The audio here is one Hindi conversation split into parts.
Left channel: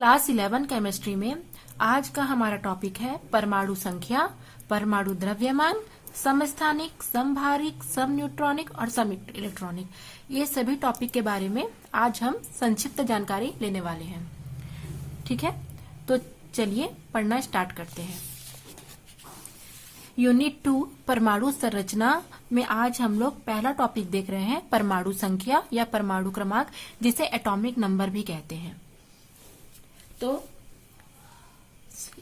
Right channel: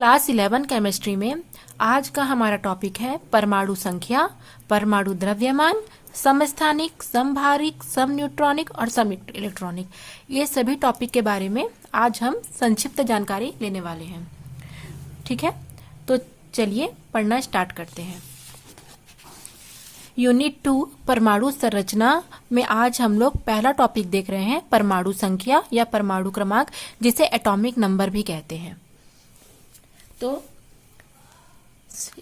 क्लास 11 केमिस्ट्री में आज का हमारा टॉपिक है परमाणु संख्या, परमाणु द्रव्यमान, समस्थानिक, समभारिक, समन्यूट्रॉनिक और सम इलेक्ट्रॉनिक। ये सभी टॉपिक के बारे में आज हम संक्षिप्त जानकारी लेने वाले हैं। ठीक है, तो चलिए पढ़ना स्टार्ट करते हैं। यूनिट 2 परमाणु संरचना में आज हम लोग पहला टॉपिक देख रहे हैं, परमाणु संख्या या परमाणु क्रमांक, जिसे एटॉमिक नंबर भी कहते हैं। तो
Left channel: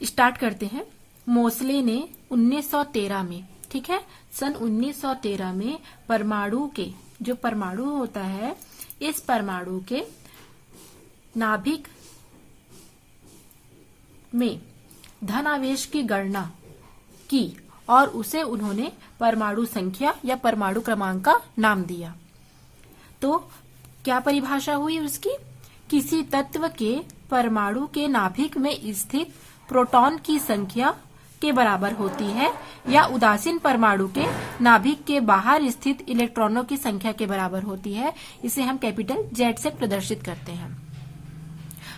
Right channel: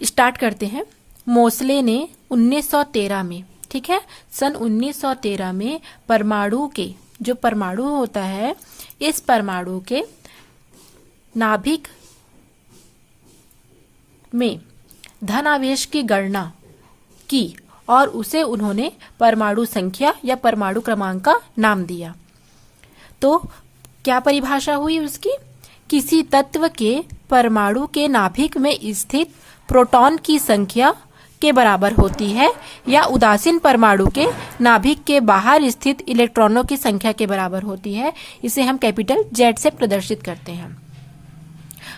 स्टार्ट करते हैं। मोसले ने 1913 में, ठीक है, सन 1913 में परमाणु के, जो परमाणु होता है, इस परमाणु के नाभिक में धनावेश की गणना की और उसे उन्होंने परमाणु संख्या या परमाणु क्रमांक का नाम दिया। तो क्या परिभाषा हुई उसकी? किसी तत्व के परमाणु के नाभिक में स्थित प्रोटॉन की संख्या के बराबर होती है या उदासीन परमाणु के नाभिक के बाहर स्थित इलेक्ट्रॉनों की संख्या के बराबर होती है। इसे हम कैपिटल Z से प्रदर्शित करते हैं।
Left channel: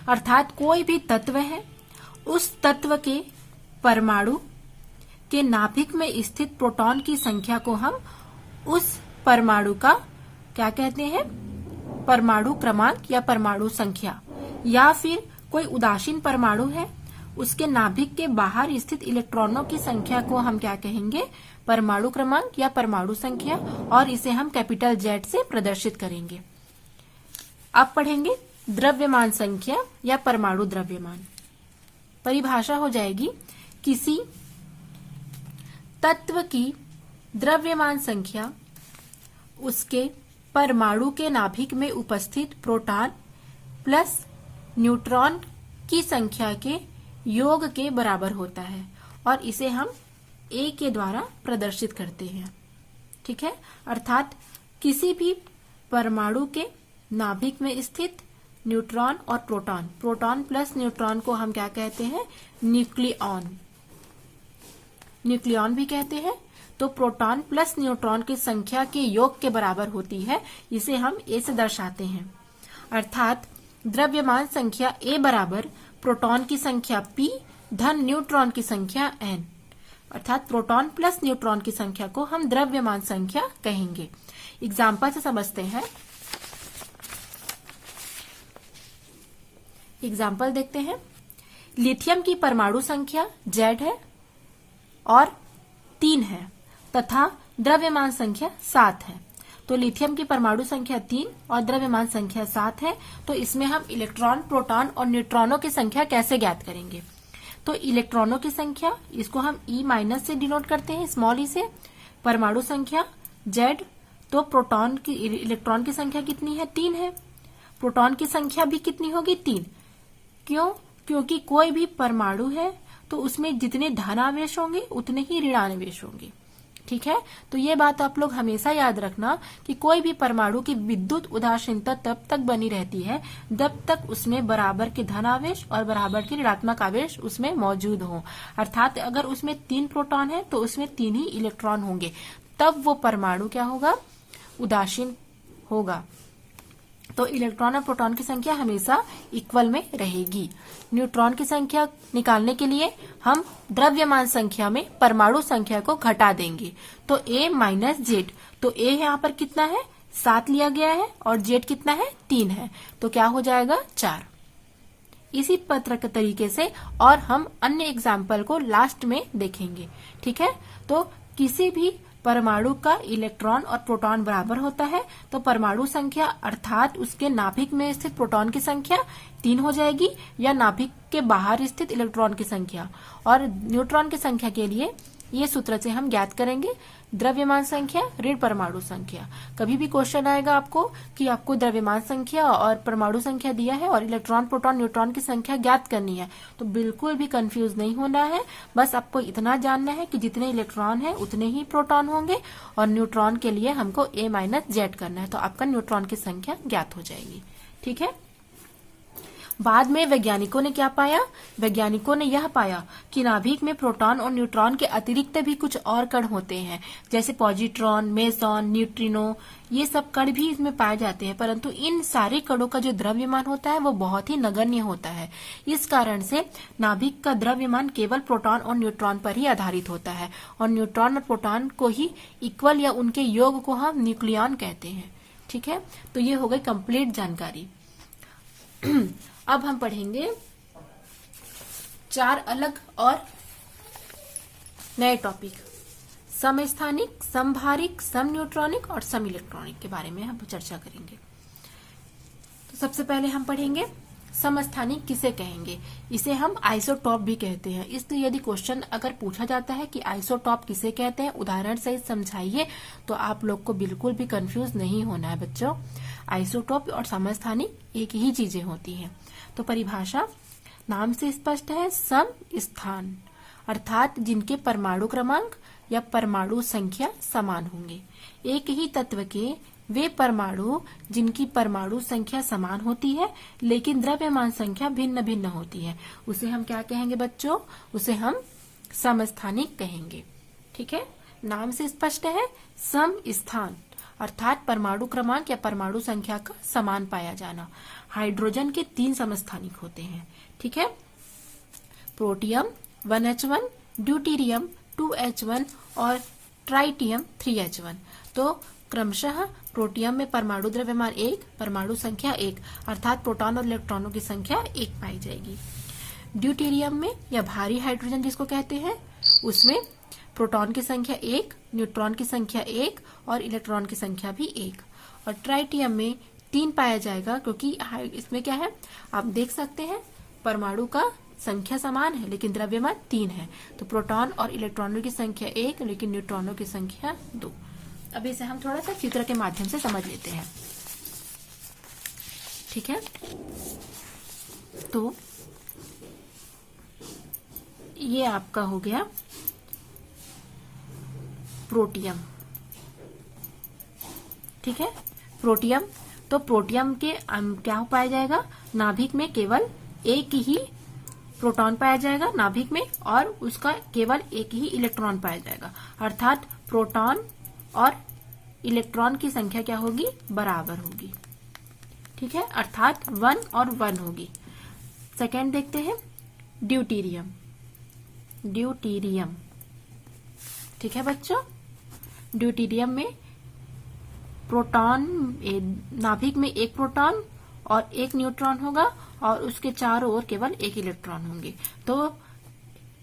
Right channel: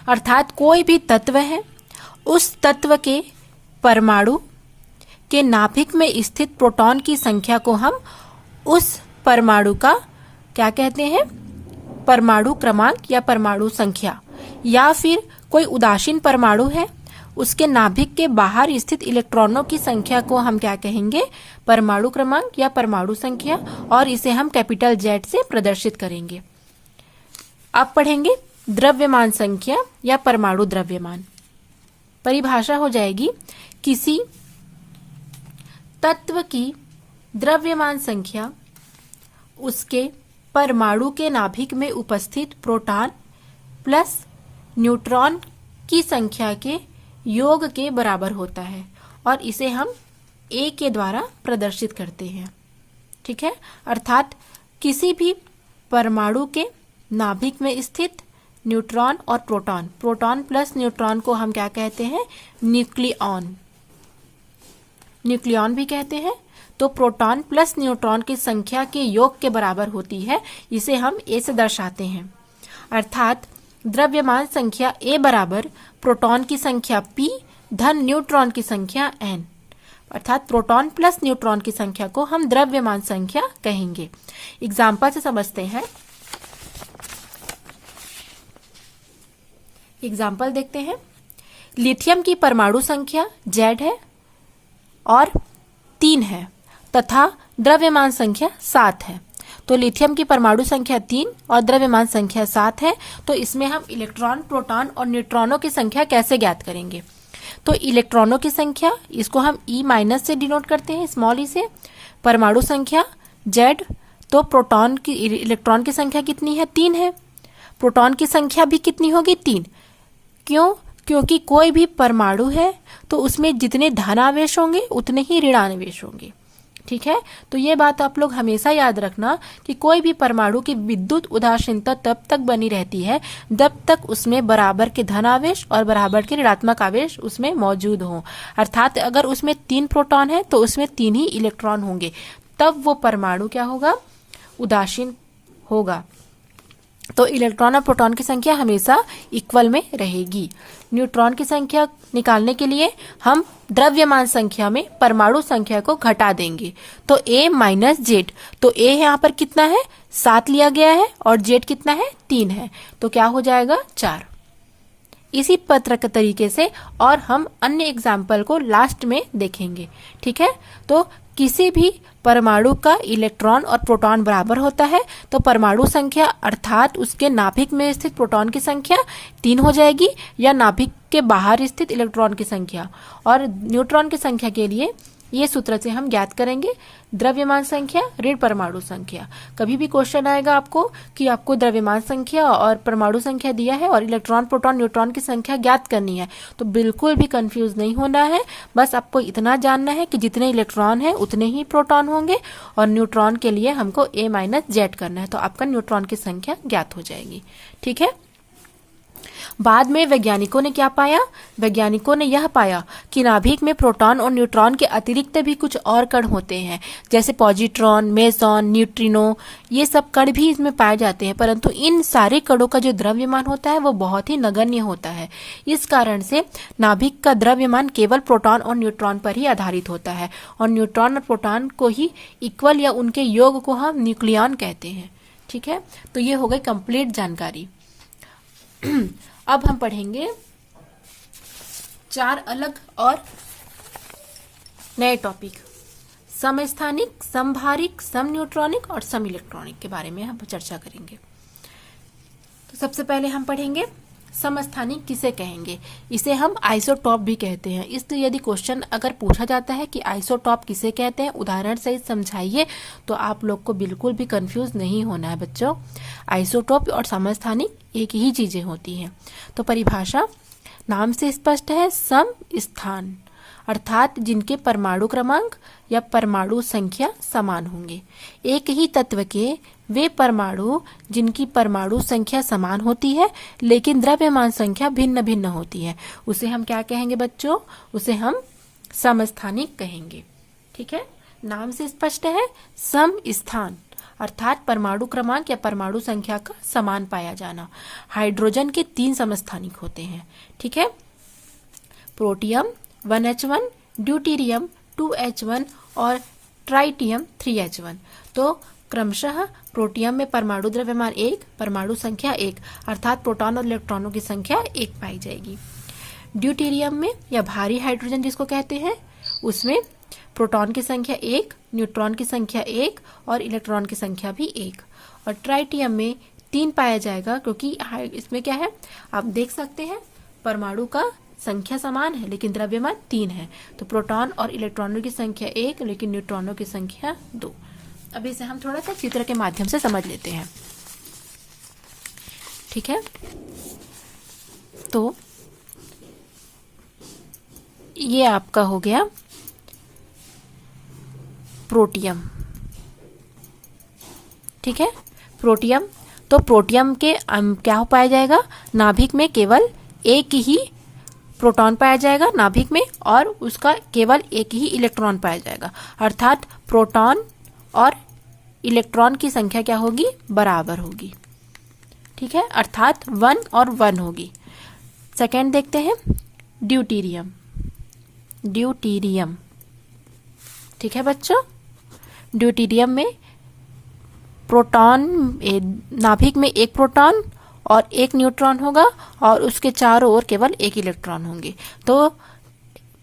अर्थात कोई भी तत्व है, उस तत्व के परमाणु के नाभिक में स्थित प्रोटॉन की संख्या को हम उस परमाणु का क्या कहते हैं? परमाणु क्रमांक या परमाणु संख्या। या फिर कोई उदासीन परमाणु है, उसके नाभिक के बाहर स्थित इलेक्ट्रॉनों की संख्या को हम क्या कहेंगे? परमाणु क्रमांक या परमाणु संख्या, और इसे हम कैपिटल Z से प्रदर्शित करेंगे। अब पढ़ेंगे द्रव्यमान संख्या या परमाणु द्रव्यमान। परिभाषा हो जाएगी, किसी तत्व की द्रव्यमान संख्या उसके परमाणु के नाभिक में उपस्थित प्रोटॉन प्लस न्यूट्रॉन की संख्या के योग के बराबर होता है, और इसे हम A के द्वारा प्रदर्शित करते हैं। ठीक है, अर्थात किसी भी परमाणु के नाभिक में स्थित न्यूट्रॉन और प्रोटॉन, प्रोटॉन प्लस न्यूट्रॉन को हम क्या कहते हैं? न्यूक्लियॉन, न्यूक्लियॉन भी कहते हैं। तो प्रोटॉन प्लस न्यूट्रॉन की संख्या के योग के बराबर होती है, इसे हम A से दर्शाते हैं। अर्थात द्रव्यमान संख्या A बराबर प्रोटॉन की संख्या P धन न्यूट्रॉन की संख्या N। अर्थात प्रोटॉन प्लस न्यूट्रॉन की संख्या को हम द्रव्यमान संख्या कहेंगे। एग्जाम्पल से समझते हैं। एग्जाम्पल देखते हैं। लिथियम की परमाणु संख्या Z है और 3 है तथा द्रव्यमान संख्या 7 है। तो लिथियम की परमाणु संख्या 3 और द्रव्यमान संख्या 7 है। तो इसमें हम इलेक्ट्रॉन, प्रोटॉन और न्यूट्रॉनों की संख्या कैसे ज्ञात करेंगे? तो इलेक्ट्रॉनों की संख्या, इसको हम E- से डिनोट करते हैं, स्मॉल e से। परमाणु संख्या Z, तो प्रोटॉन की, इलेक्ट्रॉन की संख्या कितनी है? 3 है। प्रोटॉन की संख्या भी कितनी होगी? 3। क्यों? क्योंकि कोई भी परमाणु है तो उसमें जितने धनावेश होंगे उतने ही ऋणावेश होंगे। ठीक है, तो ये बात आप लोग हमेशा याद रखना कि कोई भी परमाणु की विद्युत उदासीनता तब तक बनी रहती है जब तक उसमें बराबर के धनावेश और बराबर के ऋणात्मक आवेश उसमें मौजूद हो। अर्थात अगर उसमें 3 प्रोटॉन है तो उसमें 3 ही इलेक्ट्रॉन होंगे, तब वो परमाणु क्या होगा? उदासीन होगा। तो इलेक्ट्रॉन और प्रोटॉन की संख्या हमेशा इक्वल में रहेगी। न्यूट्रॉन की संख्या निकालने के लिए हम द्रव्यमान संख्या में परमाणु संख्या को घटा देंगे। तो A - Z, तो A यहाँ पर कितना है? 7 लिया गया है और Z कितना है? 3 है। तो क्या हो जाएगा? 4। इसी पत्र के तरीके से और हम अन्य एग्जाम्पल को लास्ट में देखेंगे। ठीक है, तो किसी भी परमाणु का इलेक्ट्रॉन और प्रोटॉन बराबर होता है तो परमाणु संख्या अर्थात उसके नाभिक में स्थित प्रोटॉन की संख्या 3 हो जाएगी, या नाभिक के बाहर स्थित इलेक्ट्रॉन की संख्या। और न्यूट्रॉन की संख्या के लिए ये सूत्र से हम ज्ञात करेंगे, द्रव्यमान संख्या ऋण परमाणु संख्या। कभी भी क्वेश्चन आएगा आपको कि आपको द्रव्यमान संख्या और परमाणु संख्या दिया है और इलेक्ट्रॉन, प्रोटॉन, न्यूट्रॉन की संख्या ज्ञात करनी है, तो बिल्कुल भी कंफ्यूज नहीं होना है। बस आपको इतना जानना है कि जितने इलेक्ट्रॉन है उतने ही प्रोटॉन होंगे, और न्यूट्रॉन के लिए हमको A - Z करना है, तो आपका न्यूट्रॉन की संख्या ज्ञात हो जाएगी। ठीक है, बाद में वैज्ञानिकों ने क्या पाया? वैज्ञानिकों ने यह पाया कि नाभिक में प्रोटॉन और न्यूट्रॉन के अतिरिक्त भी कुछ और कण होते हैं, जैसे पॉजिट्रॉन, मेसॉन, न्यूट्रिनो, ये सब कण भी इसमें पाए जाते हैं, परंतु इन सारे कणों का जो द्रव्यमान होता है वो बहुत ही नगण्य होता है। इस कारण से नाभिक का द्रव्यमान केवल प्रोटॉन और न्यूट्रॉन पर ही आधारित होता है, और न्यूट्रॉन और प्रोटॉन को ही इक्वल या उनके योग को हम न्यूक्लियॉन कहते हैं। ठीक है, तो ये हो गई कंप्लीट जानकारी। अब हम पढ़ेंगे 4 अलग और नए टॉपिक, समस्थानिक, समभारिक, सम न्यूट्रॉनिक और सम इलेक्ट्रॉनिक के बारे में हम चर्चा करेंगे। तो सबसे पहले हम पढ़ेंगे समस्थानिक किसे कहेंगे। इसे हम आइसोटॉप भी कहते हैं। इसलिए यदि क्वेश्चन अगर पूछा जाता है कि आइसोटॉप किसे कहते हैं, उदाहरण सहित समझाइए, तो आप लोग को बिल्कुल भी कंफ्यूज नहीं होना है बच्चों। आइसोटॉप और समस्थानिक एक ही चीजें होती हैं। तो परिभाषा नाम से स्पष्ट है, सम स्थान अर्थात जिनके परमाणु क्रमांक या परमाणु संख्या समान होंगे। एक ही तत्व के वे परमाणु जिनकी परमाणु संख्या समान होती है लेकिन द्रव्यमान संख्या भिन्न भिन्न होती है, उसे हम क्या कहेंगे बच्चों? उसे हम समस्थानिक कहेंगे। ठीक है, नाम से स्पष्ट है, सम स्थान अर्थात परमाणु क्रमांक या परमाणु संख्या का समान पाया जाना। हाइड्रोजन के 3 समस्थानिक होते हैं। ठीक है, प्रोटियम 1H1, ड्यूटीरियम 2H1 और ट्राइटियम 3H1। तो क्रमशः प्रोटियम में परमाणु द्रव्यमान 1, परमाणु संख्या 1 अर्थात प्रोटॉन और इलेक्ट्रॉनों की संख्या 1 पाई जाएगी। ड्यूटीरियम में या भारी हाइड्रोजन जिसको कहते हैं, उसमें प्रोटॉन की संख्या 1, न्यूट्रॉन की संख्या 1 और इलेक्ट्रॉन की संख्या भी 1। और ट्राइटियम में 3 पाया जाएगा, क्योंकि इसमें क्या है आप देख सकते हैं, परमाणु का संख्या समान है लेकिन द्रव्यमान 3 है। तो प्रोटॉन और इलेक्ट्रॉनों की संख्या 1 लेकिन न्यूट्रॉनों की संख्या 2। अब इसे हम थोड़ा सा चित्र के माध्यम से समझ लेते हैं। ठीक है, तो ये आपका हो गया प्रोटियम। ठीक है, प्रोटियम, तो प्रोटियम के क्या हो पाया जाएगा? नाभिक में केवल एक ही प्रोटॉन पाया जाएगा नाभिक में, और उसका केवल एक ही इलेक्ट्रॉन पाया जाएगा, अर्थात प्रोटॉन और इलेक्ट्रॉन की संख्या क्या होगी? बराबर होगी। ठीक है, अर्थात 1 और 1 होगी। सेकेंड देखते हैं ड्यूटीरियम। ड्यूटीरियम, ठीक है बच्चों, ड्यूटीरियम में प्रोटॉन नाभिक में एक प्रोटॉन और एक न्यूट्रॉन होगा और उसके चारों ओर केवल एक इलेक्ट्रॉन होंगे। तो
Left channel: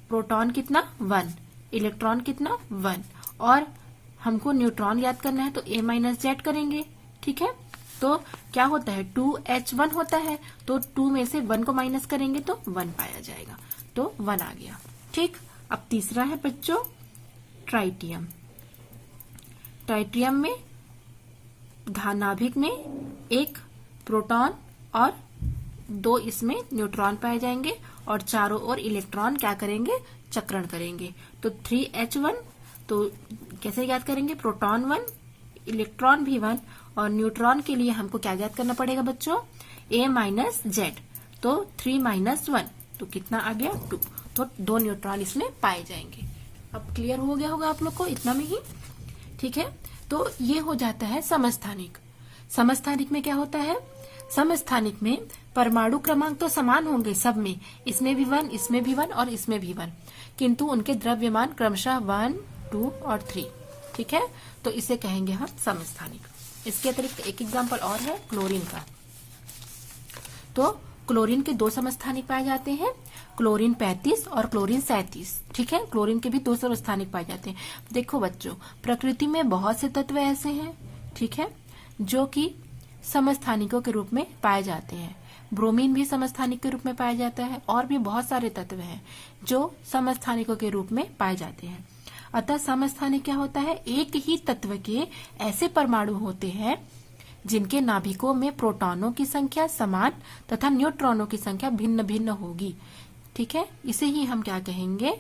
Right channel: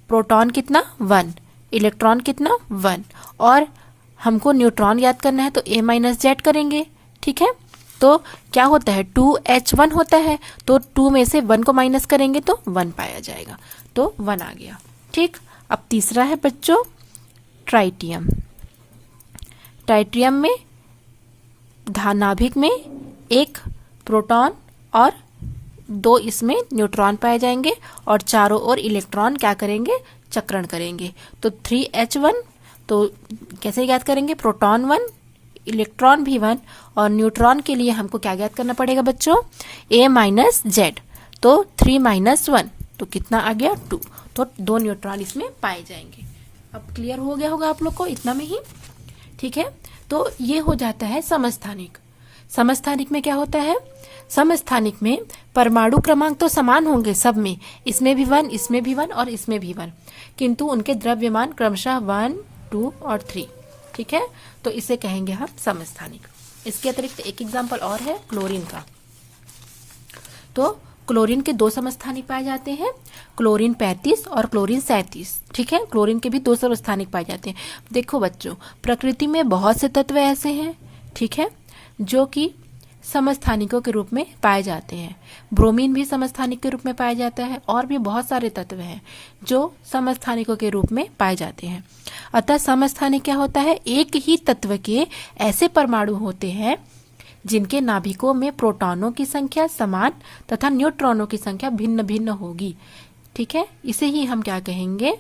प्रोटॉन कितना? 1, इलेक्ट्रॉन कितना? 1, और हमको न्यूट्रॉन याद करना है तो A-Z करेंगे। ठीक है, तो क्या होता है? 2H1 होता है, तो 2 में से 1 को माइनस करेंगे तो 1 पाया जाएगा, तो 1 आ गया। ठीक, अब तीसरा है बच्चों ट्राइटियम। ट्राइटियम में नाभिक में एक प्रोटॉन और 2 इसमें न्यूट्रॉन पाए जाएंगे और चारों ओर इलेक्ट्रॉन क्या करेंगे? चक्रण करेंगे। तो 3H1, तो कैसे याद करेंगे? प्रोटॉन 1, इलेक्ट्रॉन भी 1, और न्यूट्रॉन के लिए हमको क्या याद करना पड़ेगा बच्चों? A-Z, तो 3 - 1, तो कितना आ गया? 2, तो 2 न्यूट्रॉन इसमें पाए जाएंगे। अब क्लियर हो गया होगा आप लोग को इतना में ही। ठीक है, तो ये हो जाता है समस्थानिक। समस्थानिक में क्या होता है? समस्थानिक में परमाणु क्रमांक तो समान होंगे सब में, इसमें भी 1, इसमें भी 1 और इसमें भी 1, किंतु उनके द्रव्यमान क्रमशः 1, 2 और 3। ठीक है, तो इसे कहेंगे हम समस्थानिक। इसके अतिरिक्त एक एग्जाम्पल और है क्लोरीन का। तो क्लोरीन के 2 समस्थानिक पाए जाते हैं, क्लोरीन 35 और क्लोरीन 37। ठीक है, क्लोरीन के भी 2 समस्थानिक पाए जाते हैं। देखो बच्चों, प्रकृति में बहुत से तत्व ऐसे हैं, ठीक है, जो कि समस्थानिकों के रूप में पाए जाते हैं। ब्रोमीन भी समस्थानिक के रूप में पाया जाता है, और भी बहुत सारे तत्व हैं जो समस्थानिकों के रूप में पाए जाते हैं। अतः समस्थानिक क्या होता है? एक ही तत्व के ऐसे परमाणु होते हैं जिनके नाभिकों में प्रोटॉनों की संख्या समान तथा न्यूट्रॉनों की संख्या भिन्न भिन्न होगी। ठीक है, इसे ही हम क्या कहेंगे?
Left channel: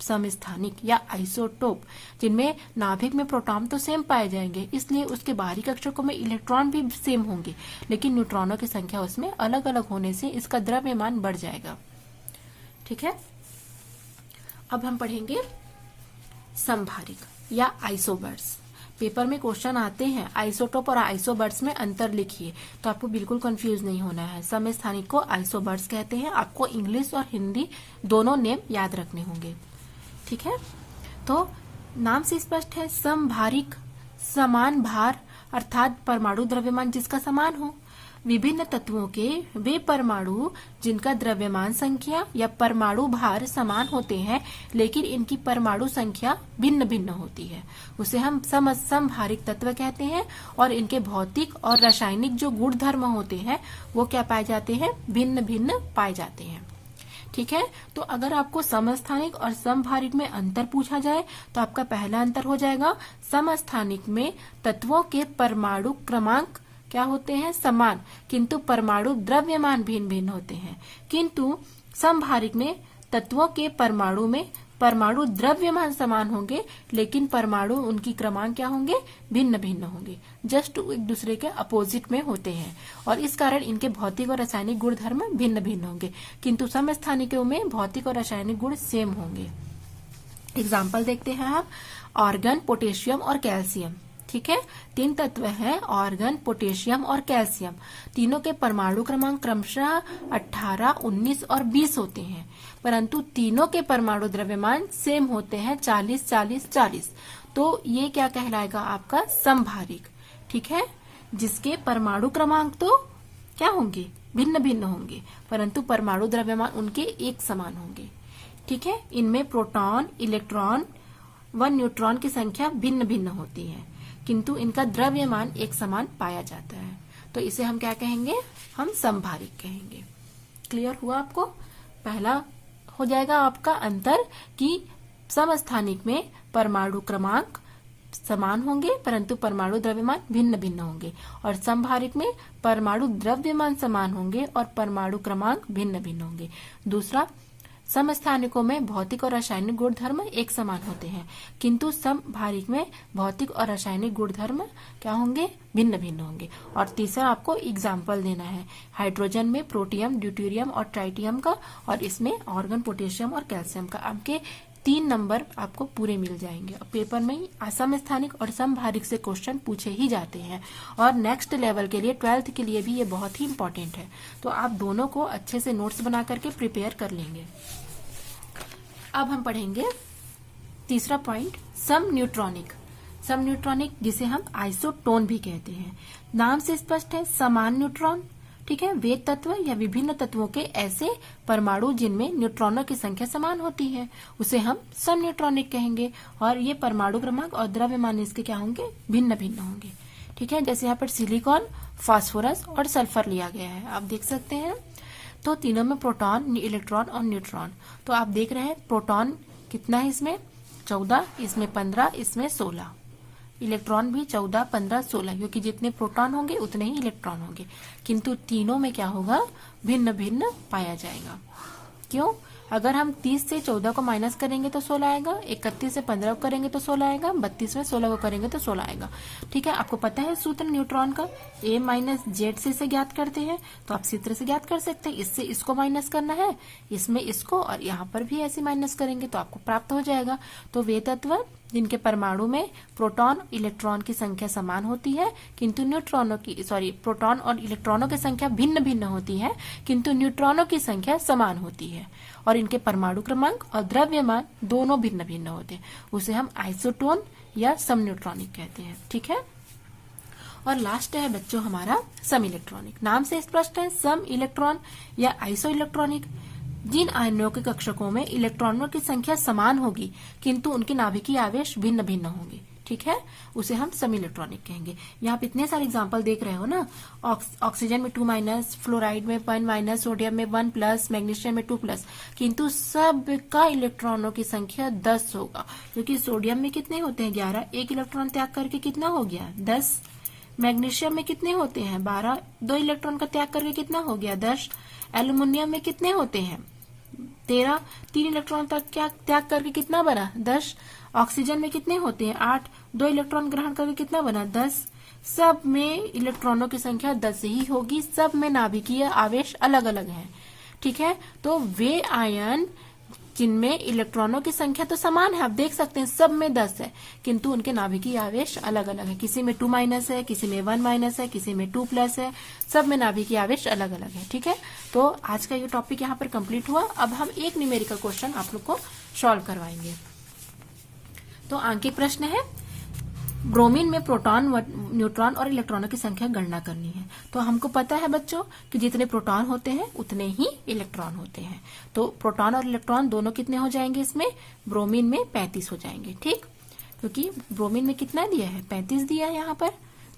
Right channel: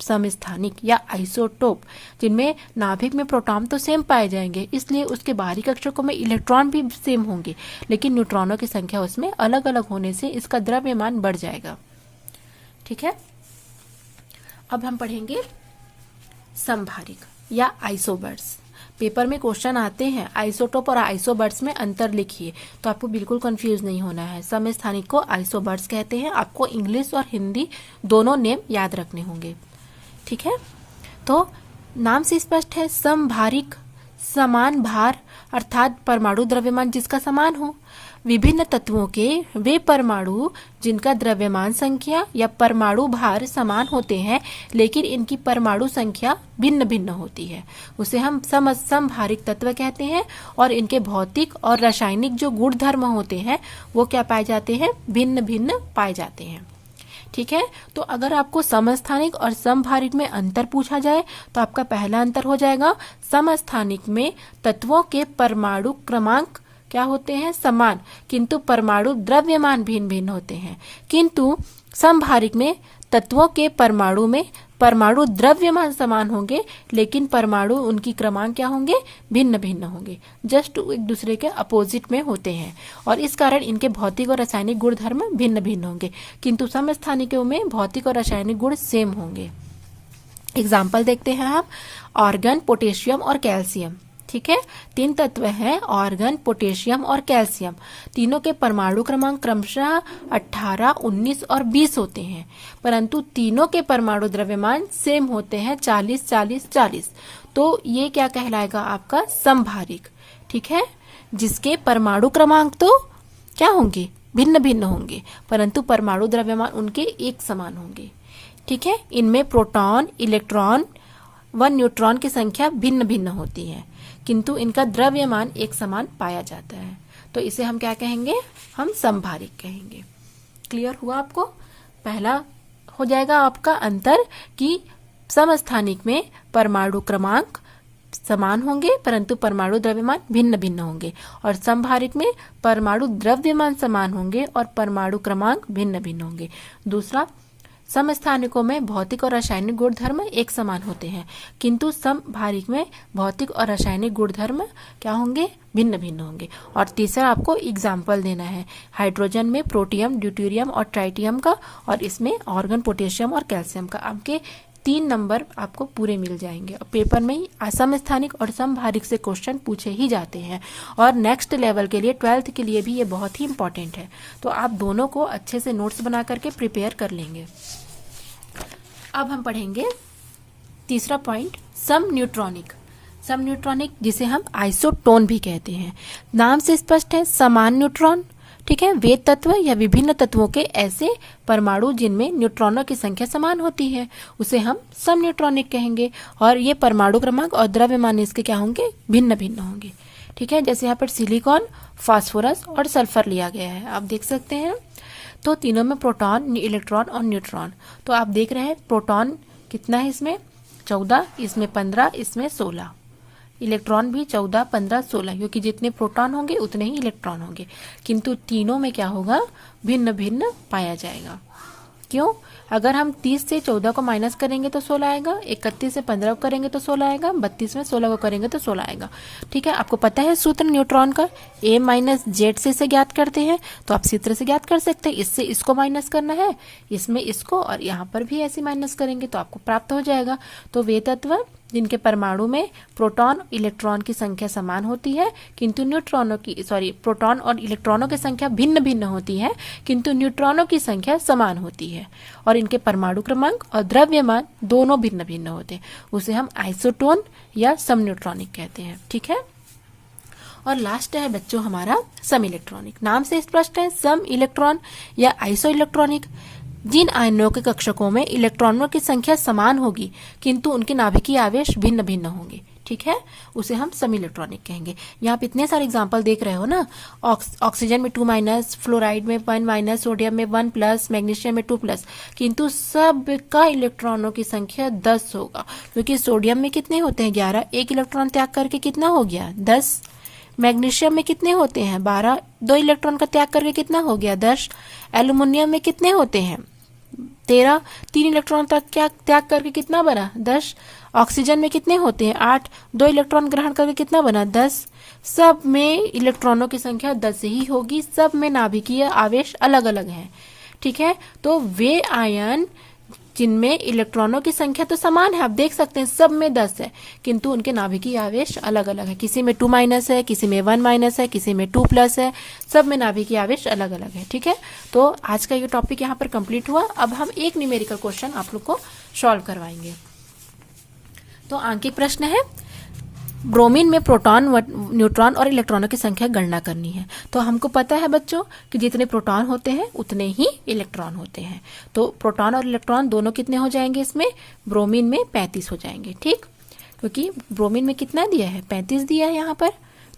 समस्थानिक या आइसोटोप, जिनमें नाभिक में प्रोटॉन तो सेम पाए जाएंगे, इसलिए उसके बाहरी कक्षकों में इलेक्ट्रॉन भी सेम होंगे, लेकिन न्यूट्रॉनों की संख्या उसमें अलग अलग होने से इसका द्रव्यमान बढ़ जाएगा। ठीक है, अब हम पढ़ेंगे समभारिक या आइसोबर्स। पेपर में क्वेश्चन आते हैं आइसोटोप और आइसोबर्स में अंतर लिखिए, तो आपको बिल्कुल कंफ्यूज नहीं होना है। समस्थानिक को आइसोबर्स कहते हैं। आपको इंग्लिश और हिंदी दोनों नेम याद रखने होंगे। ठीक है, तो नाम से स्पष्ट है, समभारिक समान भार अर्थात परमाणु द्रव्यमान जिसका समान हो। विभिन्न तत्वों के वे परमाणु जिनका द्रव्यमान संख्या या परमाणु भार समान होते हैं, लेकिन इनकी परमाणु संख्या भिन्न भिन्न होती है, उसे हम समभारिक तत्व कहते हैं। और इनके भौतिक और रासायनिक जो गुण धर्म होते हैं वो क्या पाए जाते हैं, भिन्न भिन्न पाए जाते हैं। ठीक है, तो अगर आपको समस्थानिक और समभारिक में अंतर पूछा जाए तो आपका पहला अंतर हो जाएगा, समस्थानिक में तत्वों के परमाणु क्रमांक क्या होते हैं, समान, किंतु परमाणु द्रव्यमान भिन्न भिन्न होते हैं। किंतु समभारिक में तत्वों के परमाणु में परमाणु द्रव्यमान समान होंगे, लेकिन परमाणु उनकी क्रमांक क्या होंगे, भिन्न भिन्न होंगे, जस्ट एक दूसरे के अपोजिट में होते हैं, और इस कारण इनके भौतिक और रासायनिक गुण धर्म भिन्न भिन्न होंगे। किंतु समस्थानिकों में भौतिक और रासायनिक गुण सेम होंगे। एग्जाम्पल देखते हैं आप, ऑर्गन, पोटेशियम और कैल्शियम। ठीक है, 3 तत्व हैं, ऑर्गन, पोटेशियम और कैल्शियम। तीनों के परमाणु क्रमांक क्रमशः 18, 19 और 20 होते हैं, परंतु तीनों के परमाणु द्रव्यमान सेम होते हैं, 40, 40, 40। तो ये क्या कहलाएगा, आपका समभारिक। ठीक है, जिसके परमाणु क्रमांक तो क्या होंगे, भिन्न भिन्न होंगे, परंतु परमाणु द्रव्यमान उनके एक समान होंगे। ठीक है, इनमें प्रोटॉन, इलेक्ट्रॉन व न्यूट्रॉन की संख्या भिन्न भिन्न होती है, किंतु इनका द्रव्यमान एक समान पाया जाता है, तो इसे हम क्या कहेंगे, हम समभारिक कहेंगे। क्लियर हुआ आपको? पहला हो जाएगा आपका अंतर कि समस्थानिक में परमाणु क्रमांक समान होंगे परंतु परमाणु द्रव्यमान भिन्न भिन्न होंगे, और समभारिक में परमाणु द्रव्यमान समान होंगे और परमाणु क्रमांक भिन्न भिन्न होंगे। दूसरा, समस्थानिकों में भौतिक और रासायनिक गुण धर्म एक समान होते हैं, किंतु समभारिक में भौतिक और रासायनिक गुण धर्म क्या होंगे, भिन्न भिन्न होंगे। और तीसरा आपको एग्जाम्पल देना है हाइड्रोजन में प्रोटियम, ड्यूटेरियम और ट्राइटियम का, और इसमें ऑर्गन, पोटेशियम और कैल्शियम का। आपके 3 नंबर आपको पूरे मिल जाएंगे। पेपर में समस्थानिक और समभारिक से क्वेश्चन पूछे ही जाते हैं, और नेक्स्ट लेवल के लिए 12th के लिए भी ये बहुत ही इंपॉर्टेंट है, तो आप दोनों को अच्छे से नोट्स बना करके प्रिपेयर कर लेंगे। अब हम पढ़ेंगे तीसरा पॉइंट, सम न्यूट्रॉनिक। सम न्यूट्रॉनिक जिसे हम आइसोटोन भी कहते हैं। नाम से स्पष्ट है, समान न्यूट्रॉन। ठीक है, वे तत्व या विभिन्न तत्वों के ऐसे परमाणु जिनमें न्यूट्रॉनों की संख्या समान होती है, उसे हम सम न्यूट्रॉनिक कहेंगे, और ये परमाणु क्रमांक और द्रव्यमान इसके क्या होंगे, भिन्न भिन्न होंगे। ठीक है, जैसे यहाँ पर सिलिकॉन, फास्फोरस और सल्फर लिया गया है, आप देख सकते हैं। तो तीनों में प्रोटॉन, इलेक्ट्रॉन और न्यूट्रॉन। तो आप देख रहे हैं प्रोटॉन कितना है, इसमें 14, इसमें 15, इसमें 16। इलेक्ट्रॉन भी 14, 15, 16, क्योंकि जितने प्रोटॉन होंगे उतने ही इलेक्ट्रॉन होंगे, किंतु तीनों में क्या होगा, भिन्न भिन्न पाया जाएगा। क्यों? अगर हम 30 से 14 को माइनस करेंगे तो 16 आएगा, 31 से 15 को करेंगे तो 16 आएगा, 32 में 16 को करेंगे तो 16 आएगा। ठीक है, आपको पता है सूत्र न्यूट्रॉन का, A माइनस जेड से इसे ज्ञात करते हैं, तो आप सूत्र से ज्ञात कर सकते हैं। इससे इसको माइनस करना है, इसमें इसको, और यहाँ पर भी ऐसे माइनस करेंगे तो आपको प्राप्त हो जाएगा। तो वे तत्व जिनके परमाणु में प्रोटॉन, इलेक्ट्रॉन की संख्या समान होती है, किंतु प्रोटॉन और इलेक्ट्रॉनों की संख्या भिन्न भिन्न होती है, किंतु न्यूट्रॉनों की संख्या समान होती है, और इनके परमाणु क्रमांक और द्रव्यमान दोनों भिन्न भिन्न होते हैं, उसे हम आइसोटोन या सम न्यूट्रॉनिक कहते हैं। ठीक है, और लास्ट है बच्चों हमारा सम इलेक्ट्रॉनिक। नाम से स्पष्ट है, सम इलेक्ट्रॉन या आइसो इलेक्ट्रॉनिक जिन आयनों के कक्षकों में इलेक्ट्रॉनों की संख्या समान होगी किंतु उनके नाभिकीय आवेश भिन्न भिन्न होंगे। ठीक है, उसे हम सम इलेक्ट्रॉनिक कहेंगे। यहाँ पे इतने सारे एग्जांपल देख रहे हो ना, ऑक्सीजन में 2 माइनस, फ्लोराइड में 1 माइनस, सोडियम में 1 प्लस, मैग्नीशियम में 2 प्लस, किंतु सब का इलेक्ट्रॉनों की संख्या 10 होगा, क्योंकि सोडियम में कितने होते हैं, 11, एक इलेक्ट्रॉन त्याग करके कितना हो गया, 10। मैग्नीशियम में कितने होते हैं, 12, 2 इलेक्ट्रॉन का त्याग करके कितना हो गया, 10। एल्यूमिनियम में कितने होते हैं, 13, 3 इलेक्ट्रॉन त्याग करके कितना बना 10। ऑक्सीजन में कितने होते हैं 8, 2 इलेक्ट्रॉन ग्रहण करके कितना बना 10। सब में इलेक्ट्रॉनों की संख्या 10 ही होगी, सब में नाभिकीय आवेश अलग अलग है। ठीक है, तो वे आयन जिनमें इलेक्ट्रॉनों की संख्या तो समान है, आप देख सकते हैं सब में 10 है, किंतु उनके नाभिकीय आवेश अलग अलग है। किसी में 2- है, किसी में 1- है, किसी में 2+ है, सब में नाभिकीय आवेश अलग अलग है। ठीक है, तो आज का ये टॉपिक यहाँ पर कंप्लीट हुआ। अब हम एक न्यूमेरिकल क्वेश्चन आप लोग को सॉल्व करवाएंगे। तो आंकिक प्रश्न है, ब्रोमीन में प्रोटॉन, न्यूट्रॉन और इलेक्ट्रॉनों की संख्या गणना करनी है। तो हमको पता है बच्चों कि जितने प्रोटॉन होते हैं उतने ही इलेक्ट्रॉन होते हैं। तो प्रोटॉन और इलेक्ट्रॉन दोनों कितने हो जाएंगे इसमें, ब्रोमीन में 35 हो जाएंगे। ठीक, क्योंकि ब्रोमीन में कितना दिया है 35 दिया है यहाँ पर,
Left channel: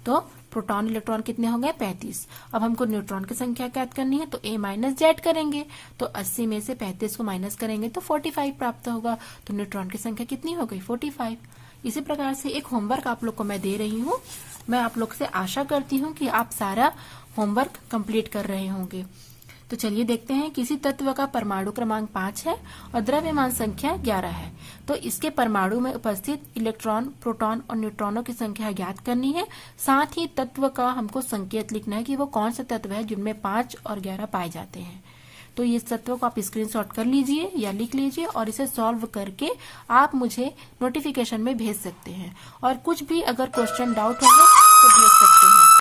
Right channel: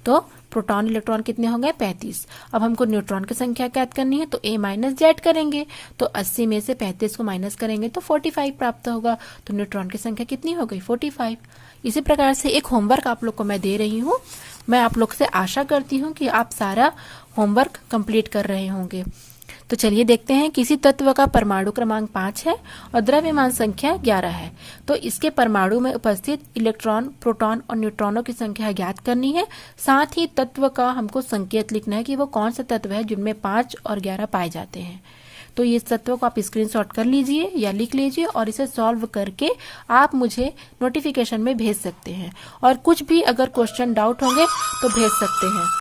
तो प्रोटॉन इलेक्ट्रॉन कितने हो गए 35। अब हमको न्यूट्रॉन की संख्या ज्ञात करनी है, तो A-Z करेंगे, तो 80 में से 35 को माइनस करेंगे तो 45 प्राप्त होगा। तो न्यूट्रॉन की संख्या कितनी हो गई 45। इसी प्रकार से एक होमवर्क आप लोग को मैं दे रही हूँ। मैं आप लोग से आशा करती हूँ कि आप सारा होमवर्क कंप्लीट कर रहे होंगे। तो चलिए देखते हैं, किसी तत्व का परमाणु क्रमांक 5 है और द्रव्यमान संख्या 11 है, तो इसके परमाणु में उपस्थित इलेक्ट्रॉन, प्रोटॉन और न्यूट्रॉनों की संख्या ज्ञात करनी है। साथ ही तत्व का हमको संकेत लिखना है कि वो कौन सा तत्व है जिनमें 5 और 11 पाए जाते हैं। तो ये तत्वों को आप स्क्रीनशॉट कर लीजिए या लिख लीजिए और इसे सॉल्व करके आप मुझे नोटिफिकेशन में भेज सकते हैं। और कुछ भी अगर क्वेश्चन डाउट होंगे तो भेज सकते हैं।